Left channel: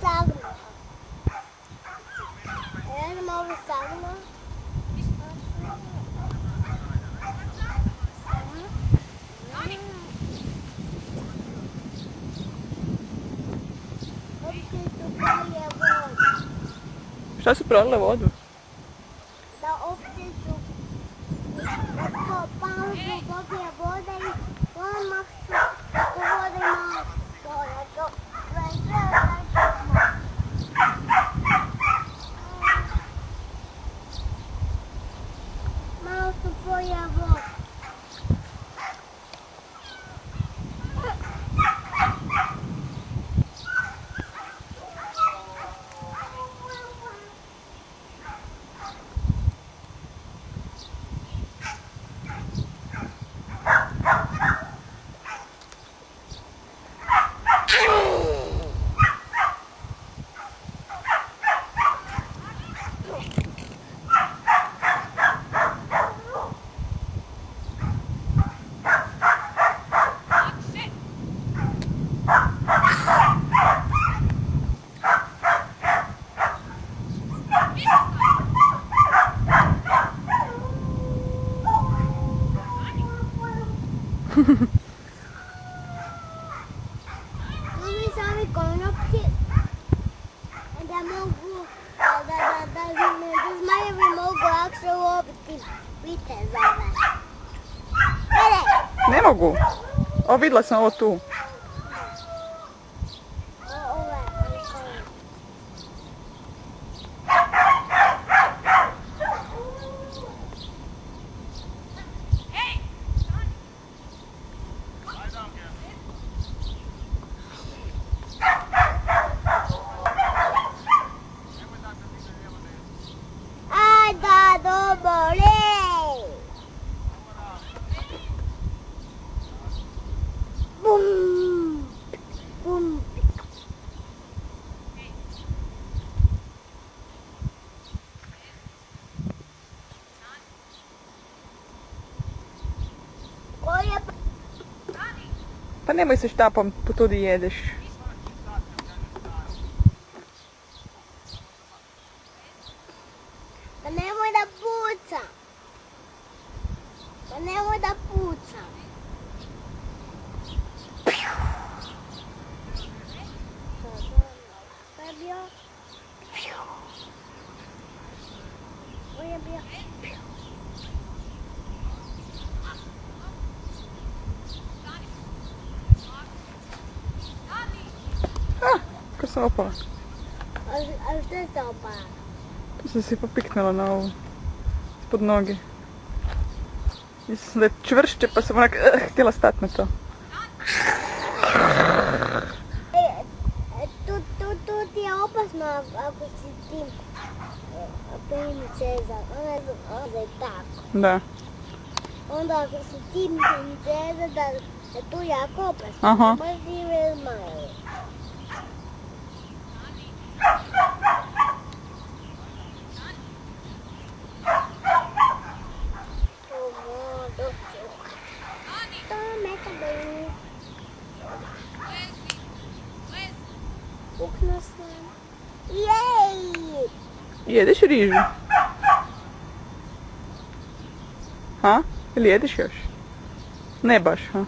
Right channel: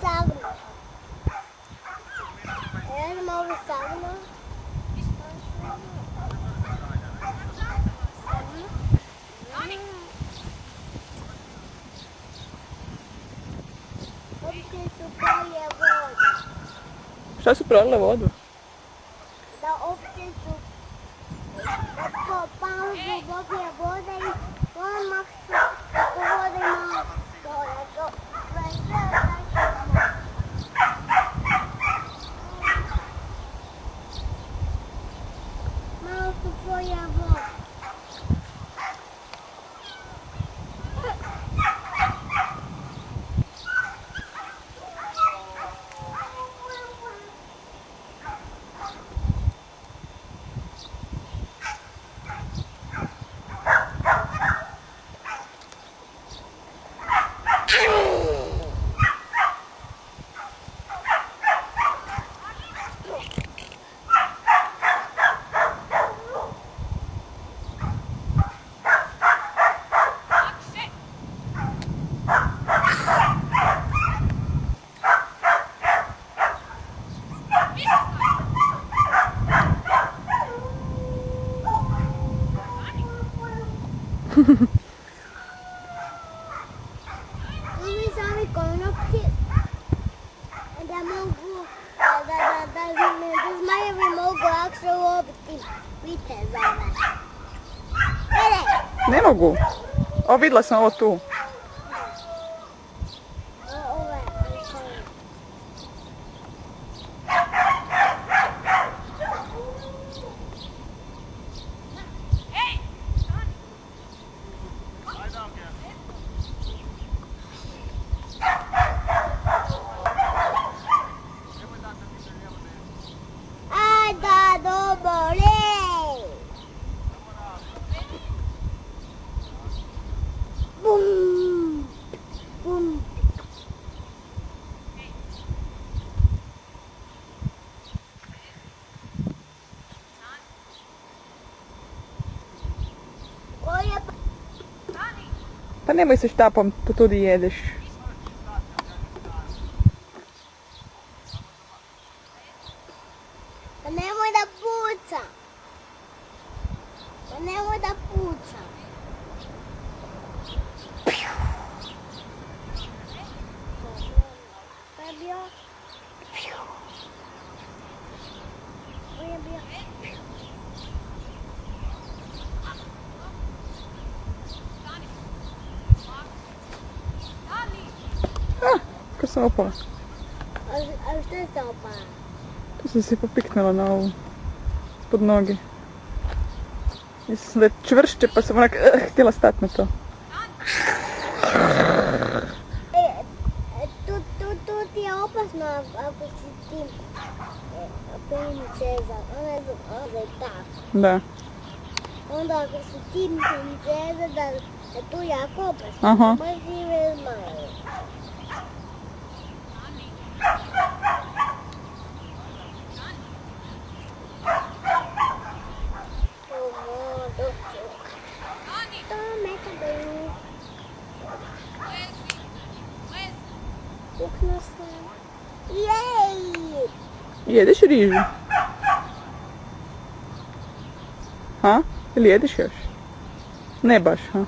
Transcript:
sagnu. Jedem ovu sagnu. Opće su prolije vodu. Šta su prolile vodu? Da opće su po pauzu popije voda i odmah su oko vode malo stoje. Sve tako malo. Malo su prolije vodu. Oni sami konopci da mogu, da zmajevi mogu lakše uloviti vitezove. Ne mogu. O, vidjela sam ovo tu. Ove konopci. Aj da dobore! Bum! Bum! Koje Pa nemoj se štapom tudi jedeš. Pa nemoj da puca. Pa nemoj da puca. To je bio. To je bio. Ko sam opala. A što je to opala? Tu sam se popiknula na ovu. Ispod noge. Mislim da je čvršće pa sam onak htjela stati na to. Tu ti je opasno ako si ti princeza. Ona je tako. Da. Onda ako si ti princeza da je tu jako opasno. Aha. Baš žive zmajevi. Puknuo sam. Jej! Jedeš rižu? Ha? Ili jedeš još? Ne baš, ha?